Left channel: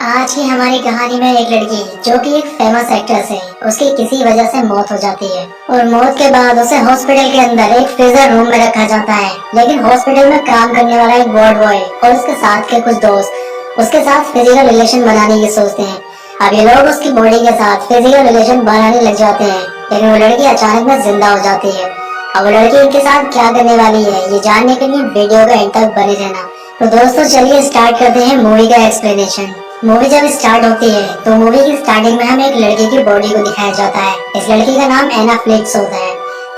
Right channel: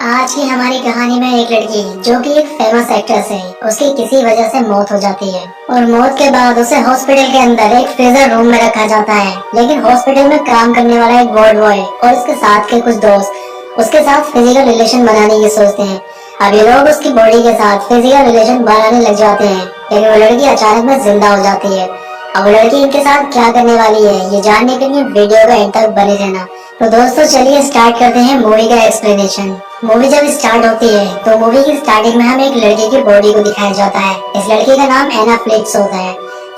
आज की हमारी कहानी में एक लड़की जो कि एक फेमस एक्ट्रेस है, उसकी किसी वजह से मौत हो जाती है और मौत के बाद उसे हॉस्पिटल के अंदर एक फ्रीजर रूम में रखा जाता है। लेकिन हॉस्पिटल में काम करने वाला एक वार्ड बॉय और उसके साथ के कुछ दोस्त उसके साथ फिजिकल रिलेशन बनाने की सोचते हैं। अब ये लोग उसकी बॉडी के साथ फिजिकल रिलेशन बनाने लग जाते हैं, लेकिन वो लड़की अचानक में जिंदा हो जाती है। अब वो लड़की इनके साथ क्या करने वाली है, ये जानने के लिए वीडियो का एंड तक बने रहना। तो दोस्तों चलिए स्टार्ट करते हैं मूवी का एक्सप्लेनेशन। मूवी जब स्टार्ट होती है तो मूवी की स्टार्टिंग में हमें एक लड़की की बॉडी को दिखाया जाता है। इस लड़की का नाम एना फ्लिक्स होता है,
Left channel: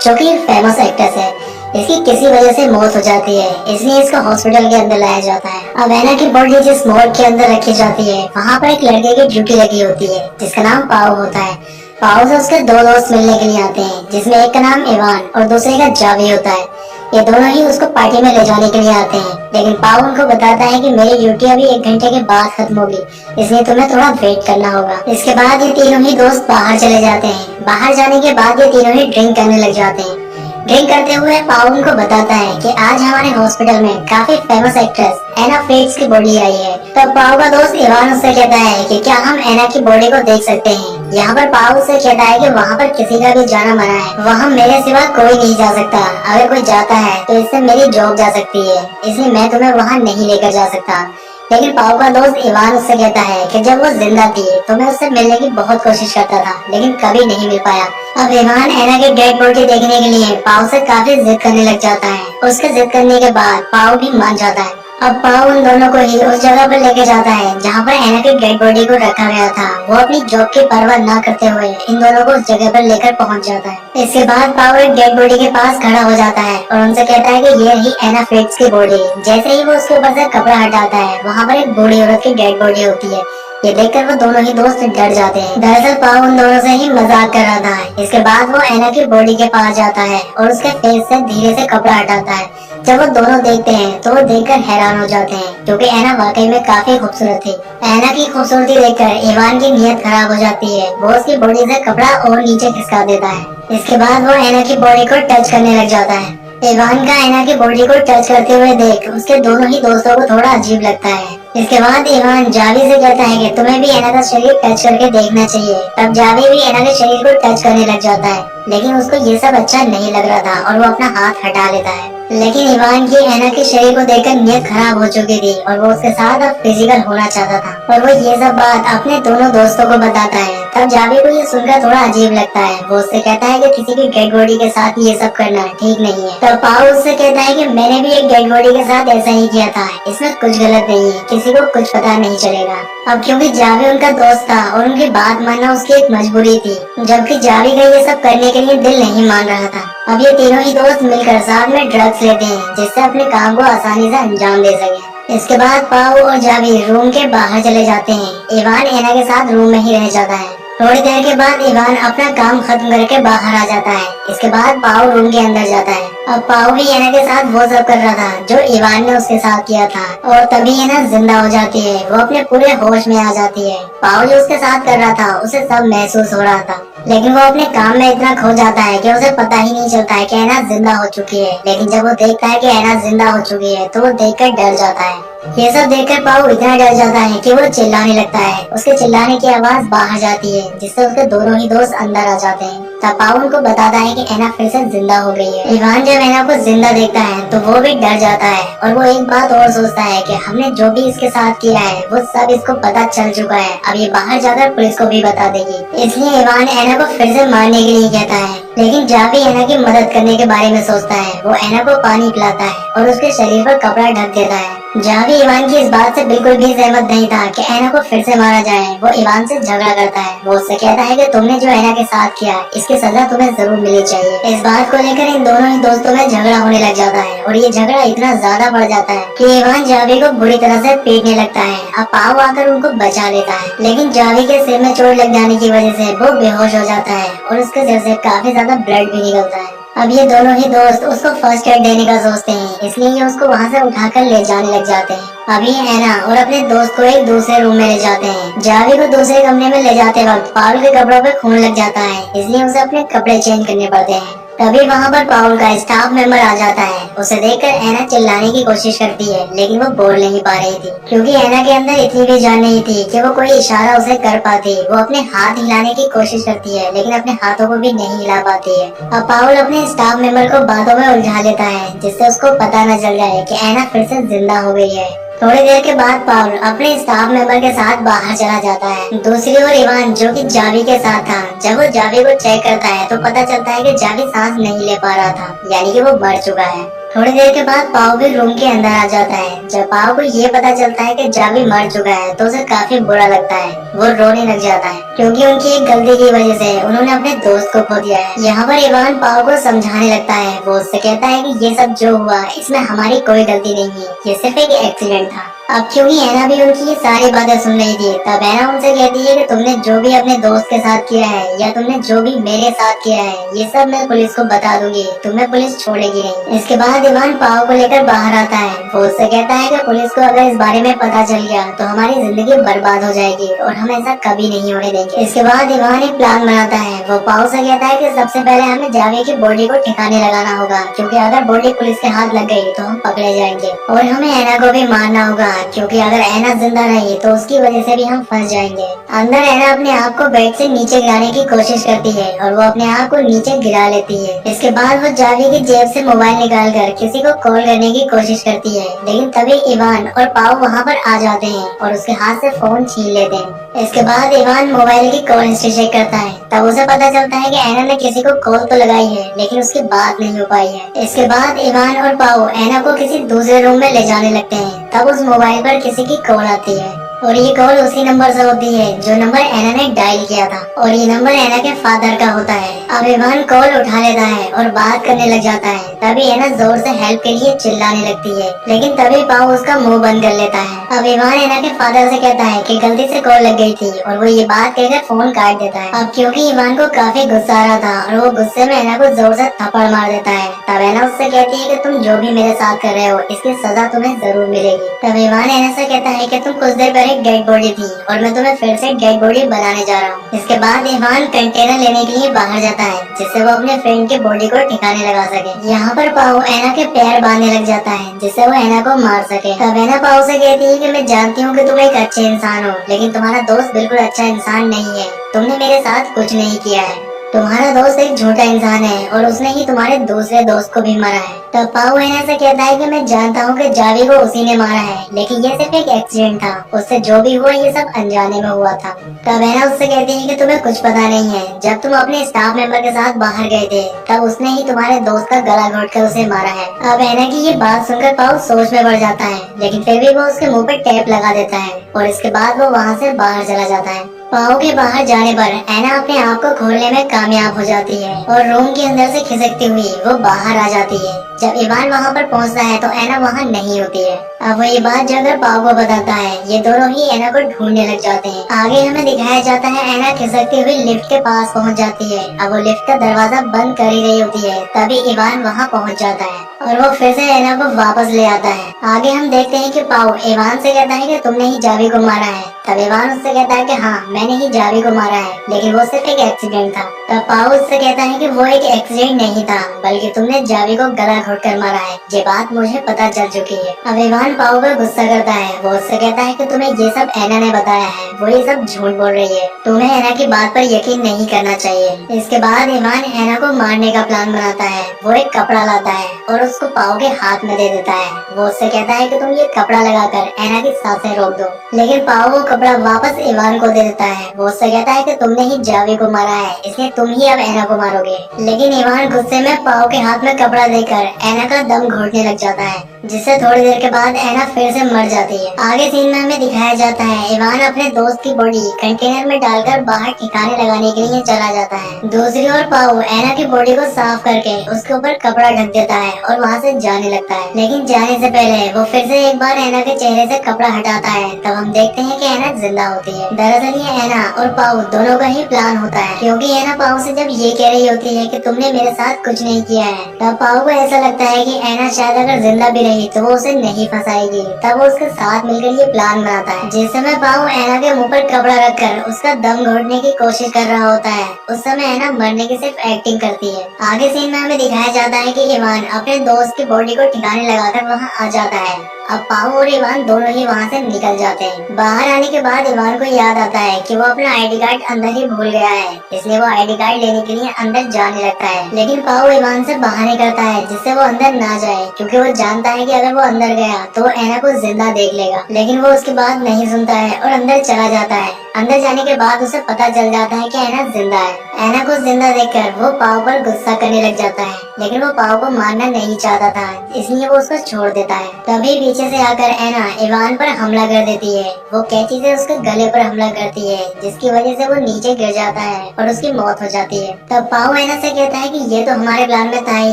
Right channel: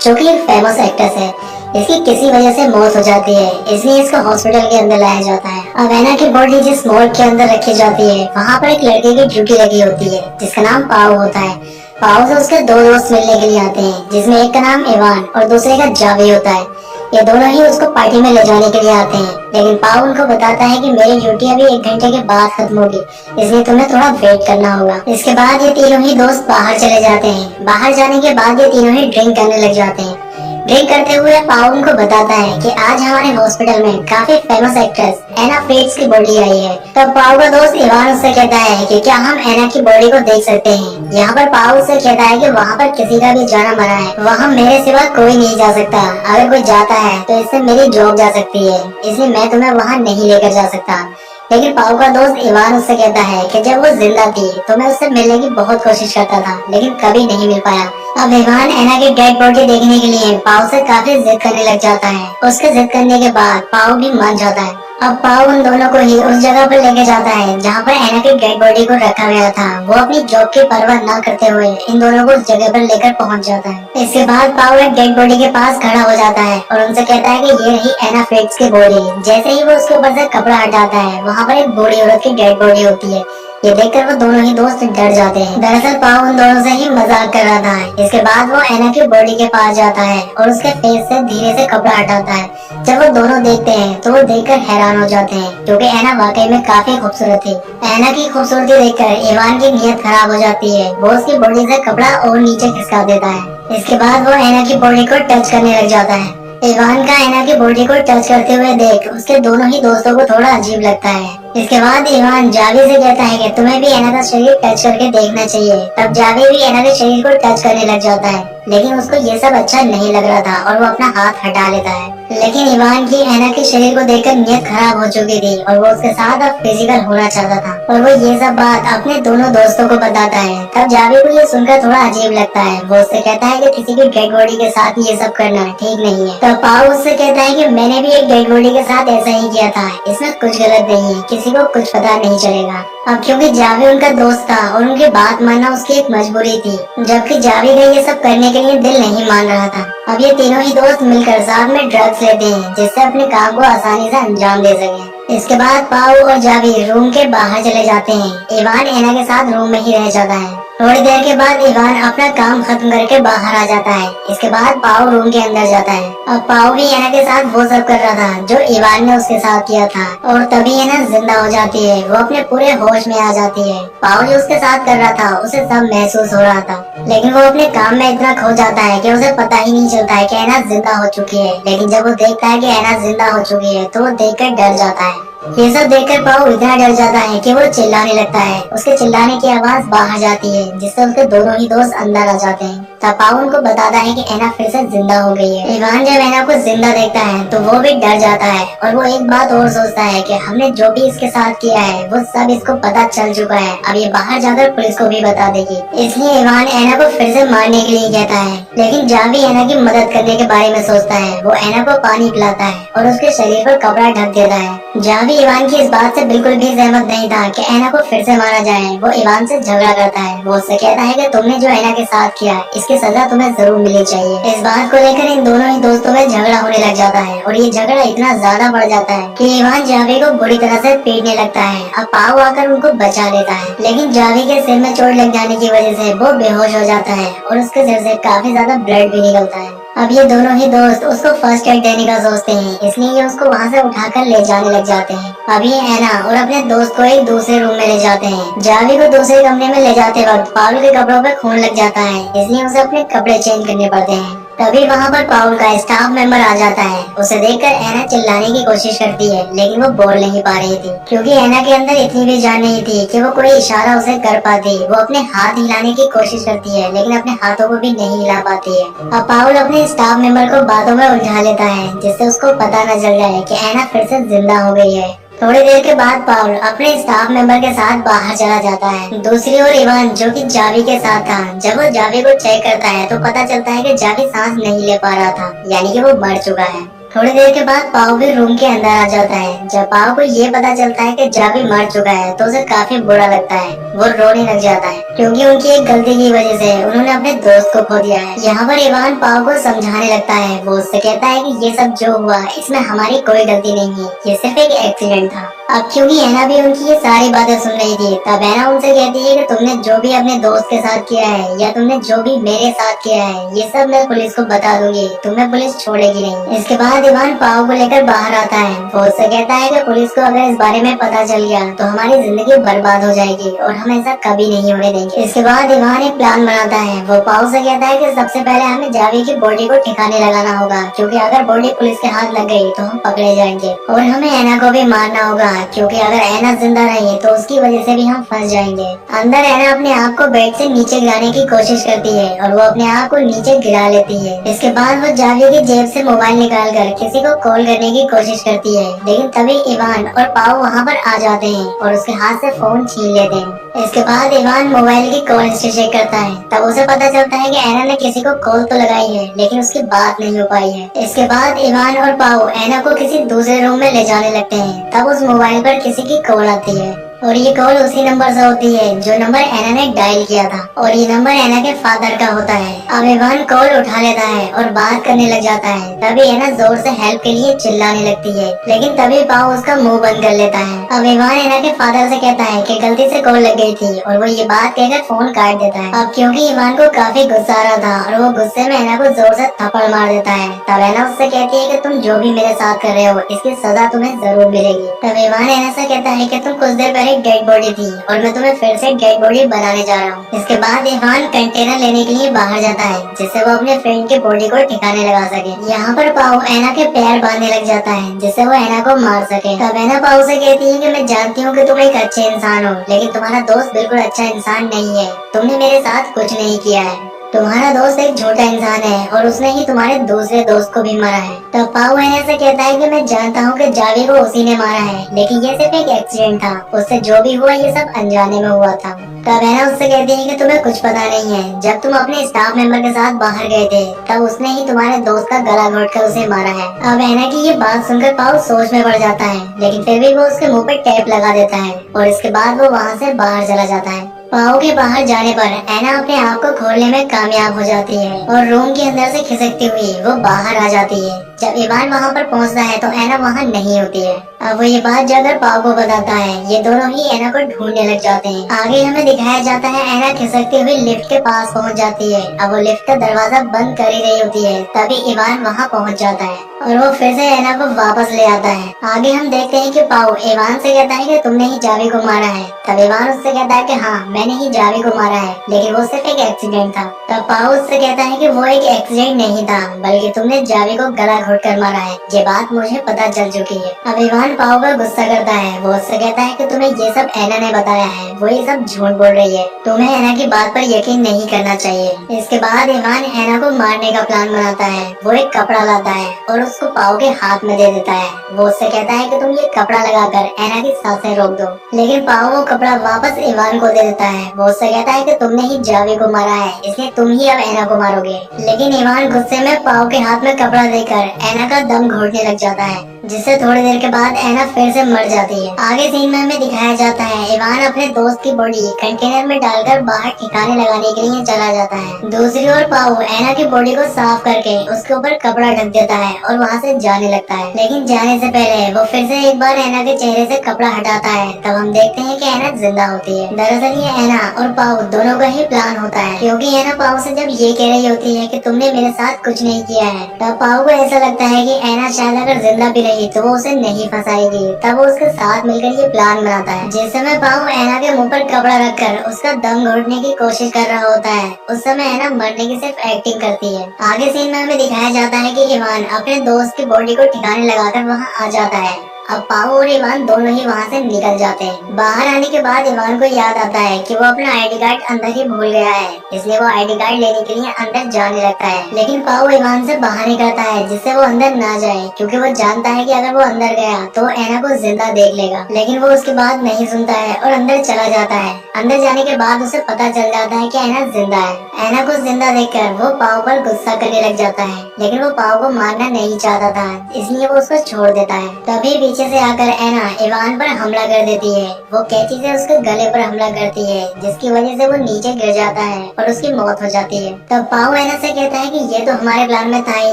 जो कि एक फेमस एक्ट्रेस है। इसकी किसी वजह से मौत हो जाती है, इसलिए इसको हॉस्पिटल के अंदर लाया जाता है। अब एना की बॉडी जिस मोर्ग के अंदर रखी जाती है, वहाँ पर एक लड़के की ड्यूटी लगी होती है जिसका नाम पाओ होता है। पाओ से उसके दो दोस्त मिलने के लिए आते हैं, जिसमें एक का नाम इवान और दूसरे का जावी होता है। ये दोनों ही उसको पार्टी में ले जाने के लिए आते हैं, लेकिन पाओ उनको बताता है कि मेरी ड्यूटी अभी 1 घंटे के बाद खत्म होगी, इसलिए तुम्हें थोड़ा वेट करना होगा। इसके बाद ये तीनों ही दोस्त बाहर चले जाते हैं। बाहर जाने के बाद ये तीनों ही ड्रिंक करने लग जाते हैं। ड्रिंक करते हुए पाओ उनको बताता है कि आज हमारे हॉस्पिटल में काफी फेमस एक्ट्रेस एना फ्रिट्ज की बॉडी आई है। तो पाओ का दोस्त इवान उससे कहता है कि क्या हम एना की बॉडी को देख सकते हैं। यहाँ पर पाओ उससे कहता है कि वहाँ पर किसी का भी जाना मना है, वहाँ मेरे सिवा कोई नहीं जा सकता। अगर कोई जाता है तो इससे मेरी जॉब जा सकती है, इसलिए मैं तुम्हें वहाँ नहीं लेकर जा सकता। लेकिन पाओ का दोस्त इवान उससे कहता है कि जब वो जिंदा थी तो मैं उससे मिलने की बहुत कोशिश करता था, लेकिन कभी नहीं मिल पाया। अब इवान एना की डेड बॉडी देखने के लिए पाओ से काफी जिद करने लग जाता है। उसके जिद करने के बाद पाओ भी मान जाता है। अब पाओ उन दोनों को ही उस जगह पर लेके जाता है जहाँ पर एना की डेड बॉडी को रखा गया था। वो अपनी जॉब की परवाह न करते हुए इन दोनों को उस जगह पर लेकर पहुँच जाता है। इसके बाद पाओ एक डेड बॉडी के पास खड़ा हो जाता है और उनसे कहता है कि ये रही एना फ्रिट्ज की बॉडी। जैसे ही वो उसके ऊपर से कपड़ा हटाता है, वहाँ पर एक बूढ़ी औरत की डेड बॉडी होती है। ये देखकर वो दोनों ही दोस्त डर जाते हैं। दरअसल पाओ उन दोनों से ही मजाक कर रहा था। इसके बाद वो एना की बॉडी के पास जाता है और उसके फेस से धीरे से कपड़ा हटाता है। जब वो दोनों देखते हैं तो वो देखकर हैरान हो जाते हैं, क्योंकि एना वाकई में काफी खूबसूरत थी। एना की खूबसूरती देखकर इवान की नीयत खराब हो जाती है। वो उसकी बॉडी से कपड़ा और नीचे खिसका देता है। इसके बाद वो एना की बॉडी को टच करने लग जाता है। इवान का एना की बॉडी को टच करते हुए देख उसके दोनों ही दोस्तों को थोड़ा अजीब लगता है। इसके बाद इवान जावी से कहता है कि तुम्हें भी एना का शरीर टच करके देखना चाहिए। तब जावी भी एना के शरीर को टच करने लग जाता है, लेकिन उसको ये सब अच्छा नहीं लग रहा था और वो अपना हाथ हटा लेता है। लेकिन इवान की एना के शरीर को देखकर नीयत खराब हो चुकी थी और वो उसके साथ अब फिजिकल होना चाहता था, और वो ये सब बात अपने दोनों दोस्तों को बताता है। तब जावी को ये सुनकर थोड़ा अजीब लगता है। वो उससे कहता है कि किसी की डेड बॉडी के साथ ये सब करना ठीक नहीं है। तब पाओ उससे कहता है कि मैंने भी एक डेड बॉडी के साथ ऐसा ही किया था, इसमें कुछ गलत नहीं है, किसी को कुछ पता नहीं चलेगा। अब क्योंकि जावी उनका दोस्त था और उनकी बात मानना उसकी एक मजबूरी थी, जबकि जावी का ये सब करने के लिए दिल नहीं मान रहा था। अब ये तीनों ही दोस्त मिलकर साथ में ड्रग्स लेते हैं, जिससे अपने काम को आसानी से अंजाम दे सके। इसके बाद पाओ और जावी रूम के बाहर चले जाते हैं। इवान एना के साथ रूम में ही रह जाता है। थोड़ी देर के बाद इवान अपना काम खत्म करके बाहर आ जाता है। इसके बाद पाओ रूम के अंदर जाता है। अब पाओ भी एना के साथ वो सब कर रहा था जो इवान ने उसके साथ किया था, और तभी एना जिंदा हो जाती है। वो अपने पूरे होश में आ जाती है। पाओ जो उसके साथ कर रहा था उसे सब महसूस हो रहा था, लेकिन वो अपने काम में इतना खो जाता है कि उसे पता ही नहीं चलता है कि एना जिंदा हो चुकी है। लेकिन जब वो देखता है कि एना जिंदा हो चुकी है तो वो देखकर डर जाता है। ये सब देखकर पाओ इतना डर जाता है कि वो चिल्लाने लगता है। उसके चिल्लाने की आवाज बाहर जाती है, जिससे उसके दोनों ही दोस्त अंदर आ जाते हैं। तब पाओ उनको बताता है कि एना फिर से जिंदा हो गई है। इवान जब एना को जिंदा देखता है तो वो भी डर जाता है, और वो एक बात और सोचता है कि हमने जो भी इसके साथ किया है वो सब इसको पता चल चुका है। अब ये बाहर जाकर पुलिस को भी बता देगी, इसलिए इवान एना को फिर से मारने के लिए कहता है। लेकिन जावी एना की मदद करने के बारे में सोचता है। वो एना को पानी पिलाता है और उसके शरीर पर कपड़ा ढक देता है। जावी इवान की इस बात से बिल्कुल भी सहमत नहीं था कि एना को फिर से मारा जाए। वो इवान से झगड़ा करता है। वो उससे कहता है कि तुमने जो एना के साथ किया इसकी सजा तुम्हें जरूर मिलनी चाहिए। इस बात को लेकर इन दोनों ही दोस्तों में झगड़ा होने लग जाता है, और ये झगड़ा इतना ज्यादा बढ़ जाता है कि इवान जावी को बुरी तरह से पीटने लगता है। अब पाओ आकर उनको बचा लेता है, लेकिन जावी के सिर में चोट लग जाने की वजह से वो बेहोश हो जाता है और उसके सिर से काफी ज्यादा ब्लड भी निकलता है। अब ये दोनों ही दोस्त उसको फर्स्ट एड देने का सोचते हैं, इसलिए ये उसको वहाँ से उठाकर ले जाने लग जाते हैं। अब ये एना और अपने दोस्त को एक दूसरे रूम में ले जाते हैं। जावी को दूसरे कमरे में ले जाते वक्त पाउल के कपड़ों पे खून लग जाता है, इसलिए उसे अपने कपड़े चेंज करने पड़ते हैं। तभी वहाँ पर पाउल का स्टाफ मेंबर आ जाता है। उसे देखकर एना चिल्लाने की कोशिश करती है, लेकिन वो बोल नहीं पा रही थी क्योंकि एना के अंदर इतनी भी जान नहीं थी कि वो कोई इशारा उसे कर पाती। वो अपने हाथ हिलाने की कोशिश करती है, लेकिन अपने हाथों को भी नहीं हिला पाती है। अब पाउल अपने स्टाफ मेंबर को बातों में उलझा लेता है, जिससे उसको पता न चल जाए कि एना फिर से जिंदा हो गई है। थोड़ी देर के बाद पाउल अपने स्टाफ मेंबर के साथ बाहर चला जाता है। दूसरी ओर इवान, जो कि जावी के साथ था, जब वो जावी को चेक करता है तो पता चलता है कि जावी सांस नहीं ले पा रहा था, यानी कि वो मर चुका है। थोड़ी देर के बाद पाव भी रूम के अंदर आ जाता है। जब पाव को ये पता चलता है कि जावी मर चुका है तो उसे काफी बुरा लगता है। वो रोने लग जाता है क्योंकि उनकी एक गलती की वजह से उन्होंने अपने दोस्त को खो दिया है। यहाँ पर इवान पाव को समझाने लगता है। वो उससे कहता है कि ये सब जो हुआ इसमें हमारी कोई गलती नहीं है, ये सिर्फ एक एक्सीडेंट था। अब क्योंकि एना भी उनकी ये सारी बातें सुन रही थी, तब एना उनसे कहती है कि तुमने जो भी अपने दोस्त के साथ किया है या तुमने जो भी मेरे साथ किया है, ये सब मैं पुलिस को बता दूंगी, तुम्हें पुलिस छोड़ेगी नहीं। इसके बाद इवान पाव को लेकर बाहर आता है। वो उससे कहता है कि पुलिस को अगर इस बारे में पता चल गया तो हमारी जिंदगी बर्बाद हो जाएगी और हम ऐसा कभी नहीं होने देंगे। इसके बाद इवान एक प्लान बनाता है। वो पाव से कहता है कि सबसे पहले हमें जावी की बॉडी को ठिकाने लगाना होगा, क्योंकि अगर बॉडी पुलिस के हाथ लग गई तो हम पकड़े जाएंगे, और हमें एना को भी मारना होगा, क्योंकि अगर एना जिंदा रही तो उसकी वजह से भी हम फंस जाएंगे। अंदर एना अपने आप को बेड से नीचे गिराने की कोशिश करती है और वो अपने आप को नीचे गिरा लेती है। इसके बाद वो जावी की जेब से मोबाइल निकालकर किसी को कॉल करने की कोशिश करती है, लेकिन तभी इवान और पाव वहाँ पर आ जाते हैं और उसके हाथ से फोन छीन लेते हैं। इसके बाद इवान मोबाइल की कॉल हिस्ट्री चेक करता है। तब उसे पता चलता है कि एना ने किसी को कॉल तो लगाई है, लेकिन उसकी बात नहीं हो पाई है। इसके बाद इवान और पाव एना को किसी दूसरे रूम में ले जाने लगते हैं। तब उस मोबाइल पर किसी की कॉल आती है और ये कॉल उसी नंबर से होती है जो नंबर एना ने डायल किया था, और ये नंबर एना के फादर का होता है। अब इवान कॉल उठा लेता है और बात करने लग जाता है। तभी एना जोर से हेल्प के लिए चिल्लाने लगती है, लेकिन तभी पाव उसका मुंह बंद कर लेता है। अब इवान एना के फादर से कहता है कि गलती से कॉल लग गई थी, और वो ये बात कहकर फोन काट देता है। अब क्योंकि इवान को काफी गुस्सा आ रहा था और वो गुस्से में एना को जोर से थप्पड़ मार देता है। तब एना उससे कहती है कि तुम जो भी मेरे साथ कर रहे हो इसकी सजा तुम्हें जरूर मिलेगी। तब इवान एना से कहता है कि तुम कुछ देर पहले डेड बॉडी थी और मैं तुम्हें फिर से डेड बॉडी बनाने जा रहा हूँ। इसके बाद इवान कंटेनर लेने के लिए बाहर जाता है, जिससे वो अपने फ्रेंड की बॉडी को ठिकाने लगा सके। यहाँ पर पाव एना के पैर बांधने लग जाता है, जिससे वो एना को मार सके। तब एना पाव से कहती है कि मैं जानती हूँ कि तुम एक अच्छे इंसान हो, लेकिन तुम्हारा दोस्त बिल्कुल अच्छा इंसान नहीं है। तुमने मेरे साथ कुछ नहीं किया है। तुम्हारा दोस्त एक झूठा इंसान है और उसने ही तुम्हारे दूसरे दोस्त को भी मारा है। तब पाव एना से कहता है कि मैं जानता हूँ कि जावी को उसी ने मारा है, लेकिन ये सिर्फ एक एक्सीडेंट था। उससे जो भी हुआ ये सब अनजाने में हुआ था। तब एना उससे कहती है कि तुम्हें कुछ पता नहीं है। जब तुम अपने स्टाफ मेंबर के साथ बाहर गए थे तब उसने ही तुम्हारे दोस्त का गला घोटकर उसे मारा है। अब एना की ये बात सुनकर पाव सोच में पड़ जाता है, लेकिन फिर भी वो उसके मुंह पे टेप लगा देता है और इसके बाद वो वहाँ से बाहर चला जाता है। पाव के बाहर जाने पर एना अपने आप को खोलने में कामयाब हो जाती है और रूम के अंदर से खिसकती हुई वो बाहर आ जाती है। जब इवान वहाँ पर पहुँचता है तो एना वहाँ नहीं होती है। अब वो ये बात जाकर पाव को बताता है। ये दोनों ही एना को ढूंढने लग जाते हैं। आगे हमें दिखाया जाता है एना खिसकती हुई लिफ्ट के पास पहुँच जाती है। अब वो लिफ्ट का दरवाजा बंद कर ही रही होती है, तभी इवान वहाँ पहुँच जाता है और वो फिर से एना को वापस ले आता है। आगे हम देखते हैं कि पाव इवान से कहता है कि तुमने ही जावी को मारा है। तब इवान उससे कहता है कि हाँ, मैंने ही जावी को मारा है, लेकिन वो सिर्फ एक एक्सीडेंट था। तब पाव उससे कहता है कि वो एक एक्सीडेंट नहीं था, बल्कि तुमने जावी को गला घोटकर मारा है। ये बात मुझे पता चल चुकी है। अब इवान पाव पर गुस्सा करता है। वो उससे कहता है कि तुम्हें ये सब एना ने बताया है, वो ये सब झूठ बोल रही है। तुम्हें एना की बात पर यकीन नहीं करना चाहिए। इसके बाद इवान एना को मारने का प्लान बनाता है। वो एक कपड़ा लाता है और उसको पाव के हाथ में दे देता है। वो उससे कहता है कि तुम ये कपड़ा लगाकर एना की सांसें रोक दो, लेकिन पाव वो कपड़ा वापस इवान को दे देता है। वो उससे कहता है कि तुमने ही जावी को मारा है, इसलिए तुम ही अब एना को मारोगे। लेकिन इवान गुस्से में पाव के हाथ में कपड़ा देकर एना का दम घोटने लग जाता है, जिससे थोड़ी देर के बाद एना फिर से मर जाती है। आगे सीन में हमें दिखाया जाता है इवान अपने दोस्त की बॉडी कंटेनर में डालकर बाहर ठिकाने लगाने के लिए चला जाता है। दूसरी ओर पाव एना की बॉडी को साफ करके उसके ऊपर कपड़ा ढक देता है और वहाँ से जाने लगता है। लेकिन जाने से पहले वो फिर से एक बार एना के चेहरे से कपड़ा हटाता है। तब हम देखते हैं कि एना जिंदा होती है। दरअसल ये एना और पाव दोनों का ही प्लान होता है, क्योंकि एना पाव से जब ये कह रही होती है कि तुमने मेरे साथ कुछ नहीं किया है, तब पाव को ऐसा लगता है कि एना शायद अगर जिंदा भी रही तो वो उसे नहीं फंसाएगी। तब वो उसके साथ मिलकर ये प्लान बनाता है। जिस समय पाओ ऐना के मुंह पर कपड़ा रखकर उसका दम घोटने की कोशिश कर रहा होता है, उस समय ऐना मरने की सिर्फ एक्टिंग करती है। आगे सीन में हमें दिखाया जाता है कि इवान अपने दोस्त की बॉडी को ठिकाने लगाकर वहाँ आ जाता है। अब पाओ और इवान दोनों ही वहाँ से निकल जाते हैं। बाहर आने के बाद इवान को याद आता है कि वो अपना आईडी कार्ड अंदर ही भूल गया है, इसलिए वो आईडी कार्ड लेने के लिए अंदर जाने लगता है। लेकिन पाओ इवान से बहाने करता है जिससे वो अंदर ना जाए, क्योंकि वो जानता है कि अगर वो अंदर गया तो ऐना को जिंदा देख लेगा। लेकिन वो उसकी बात नहीं सुनता है और अंदर चला जाता है। अंदर जाने के बाद उसे पता चल जाता है कि ऐना जिंदा है। ऐना को जिंदा देखकर वो पाओ पर गुस्सा करने लग जाता है, लेकिन वो पाओ को मारना नहीं चाहता था, इसलिए वो उसको छोड़ देता है। तभी पीछे से आकर ऐना इवान पर हमला कर देती है। वो कैंची से उसके गले पर हमला करती है, जिसकी वजह से वो नीचे गिर जाता है और उसकी मौत हो जाती है। तब पाओ ऐना से कहता है कि ये तो हमारे प्लान में था ही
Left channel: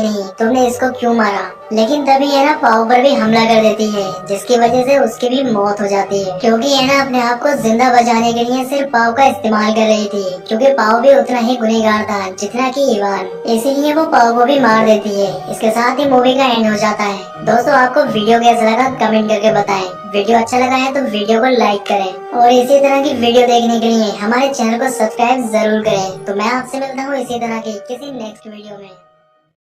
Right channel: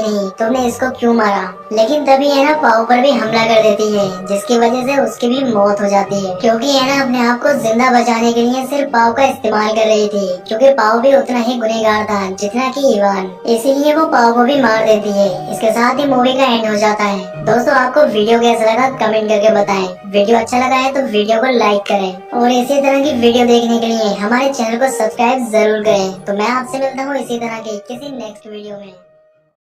नहीं, तुमने इसको क्यों मारा। लेकिन तभी ऐना पाओ पर भी हमला कर देती है, जिसकी वजह से उसकी भी मौत हो जाती है, क्योंकि ऐना अपने आप को जिंदा बचाने के लिए सिर्फ पाओ का इस्तेमाल कर रही थी, क्योंकि पाओ भी उतना ही गुनहगार था जितना कि इवान, इसीलिए वो पाओ को भी मार देती है। इसके साथ ही मूवी का एंड हो जाता है। दोस्तों, आपको वीडियो कैसा लगा कमेंट करके बताएं। वीडियो अच्छा लगा है तो वीडियो को लाइक करें और इसी तरह की वीडियो देखने के लिए हमारे चैनल को सब्सक्राइब जरूर करें। तो मैं आपसे मिलता हूँ इसी तरह की किसी नेक्स्ट वीडियो में।